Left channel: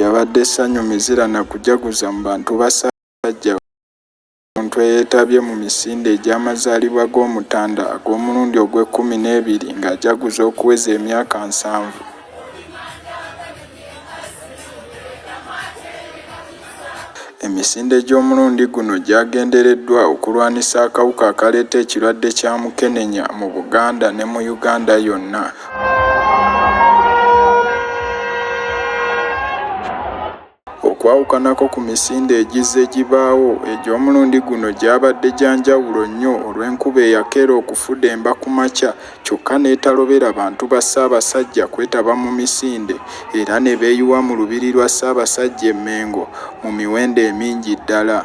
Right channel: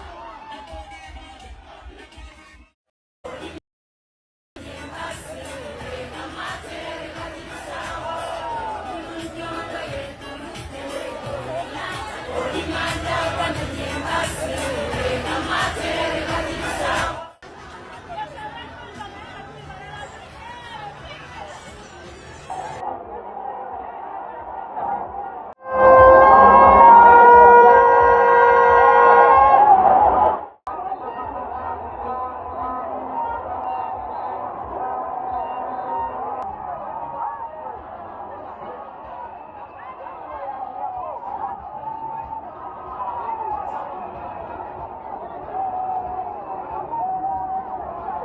lyabadde essanyu mizira na kujaguza mu bantu ba Ssaabasajja omuntu eyeetabye mu misinde egy'amazaalibwa g'Omutanda ag'omulundi ogw'e12 ng'ajaguza okuweza emyaka 7. Emisinde gy'omulundi guno gyagendereddwa okulwanisa akawuka akaleeta ekirwadde kya Mukenenya mu Buganda ne mu Uganda yonna. Okwawukanako ku misinde egizze gibaawo egy'omulundi guno gyabadde gya njawulo nnyo olw'enkuba eyakeera okufudemba ku makya kyokka n'etalobera bantu ba Ssaabasajja kwetaba mu misinde era ne beeyiwa mu lubiri lwa Ssaabasajja e Mengo mu miwendo emingi ddala.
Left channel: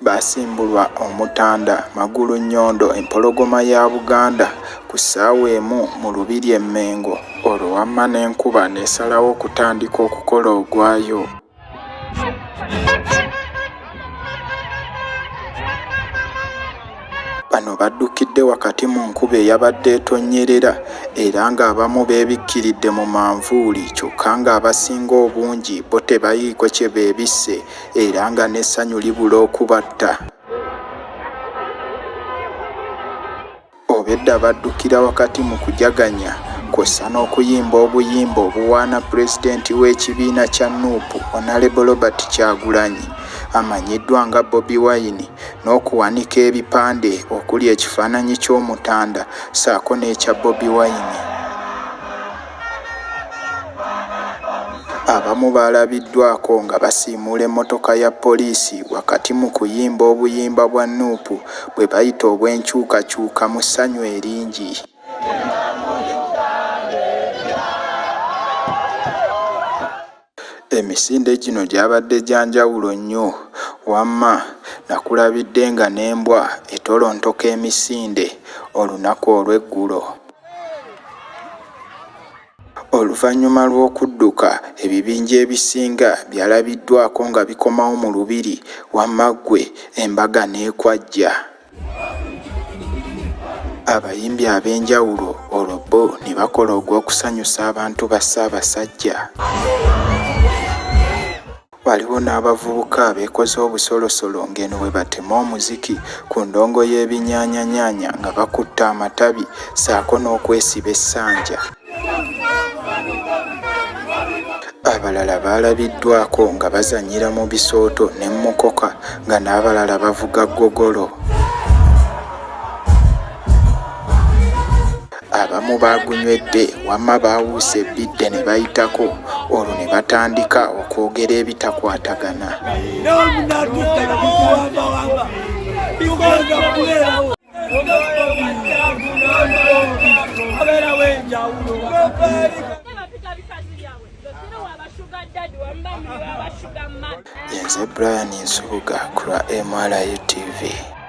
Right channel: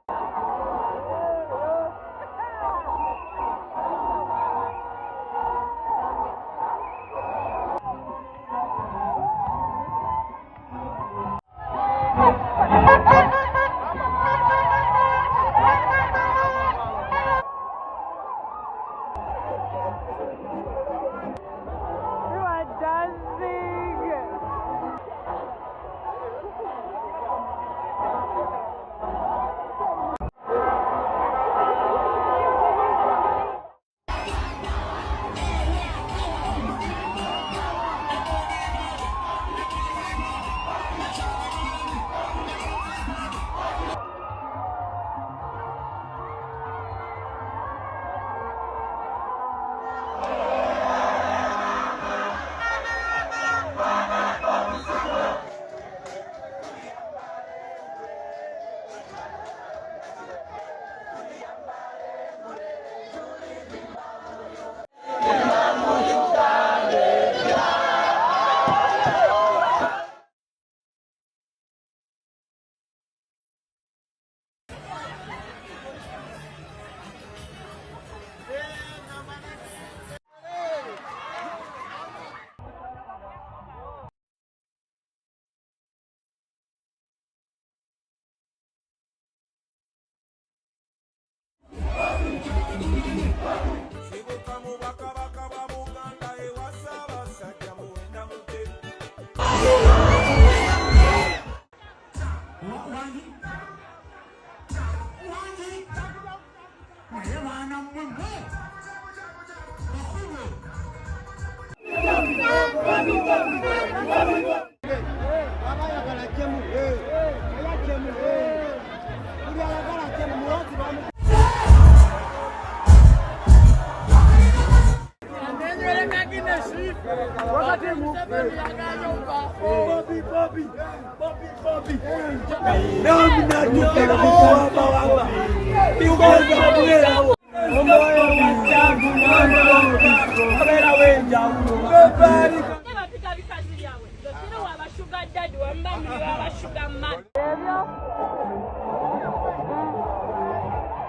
Baasimbulwa Omutanda, Magulunnyondo, empologoma ya Buganda ku ssaawa emu mu lubiri e Mengo olwo wamma n'enkuba n'esalawo okutandika okukola ogwayo. Bano baddukidde wakati mu nkuba eyabadde etonnyerera era ng'abamu beebikkiridde mu manvuuli kyokka ng'abasinga obungi bo tebayiiko kye beebisse era nga n'essanyu libula okubatta. Obedda baddukira wakati mu kujaganya kw'ossa n'okuyimba obuyimba obuwaana pulezidenti w'ekibiina kya NUP Honorable Robert Kyagulanyi amanyiddwa nga Bobi Wine n'okuwanika ebipande okuli ekifaananyi ky'Omutanda ssaako n'ekya Bobi Wine. Abamu baalabiddwako nga basiimuula emmotoka ya poliisi wakati mu kuyimba obuyimba bwa NUP bwe bayita obw'enkyukakyuka mu ssanyu eringi. Emisinde gino gyabadde gya njawulo nnyo wamma nakulabidde nga n'embwa etolontoka emisinde olunaku olw'eggulo. Oluvannyuma lw'okudduka ebibinja ebisinga byalabiddwako nga bikomawo mu lubiri wamma ggwe embaga n'ekwajja. Abayimbi ab'enjawulo olwo bo ne bakola ogw'okusanyusa abantu ba Ssaabasajja. Waliwo n'abavubuka abeekoze obusolosolo ng'eno bwe batema omuziki ku ndongo y'ebinyaanyanyaanya nga bakutte amatabi ssaako n'okwesiba essanja. Abalala baalabiddwako nga bazannyira mu bisooto n'emmotoka nga n'abalala bavuga ggogolo. Abamu baagunywedde wamma baawuusa ebbidde ne bayitako olwo ne batandika okwogera ebitakwatagana. Nze Brian Nsubuga ku lwa MRI TV.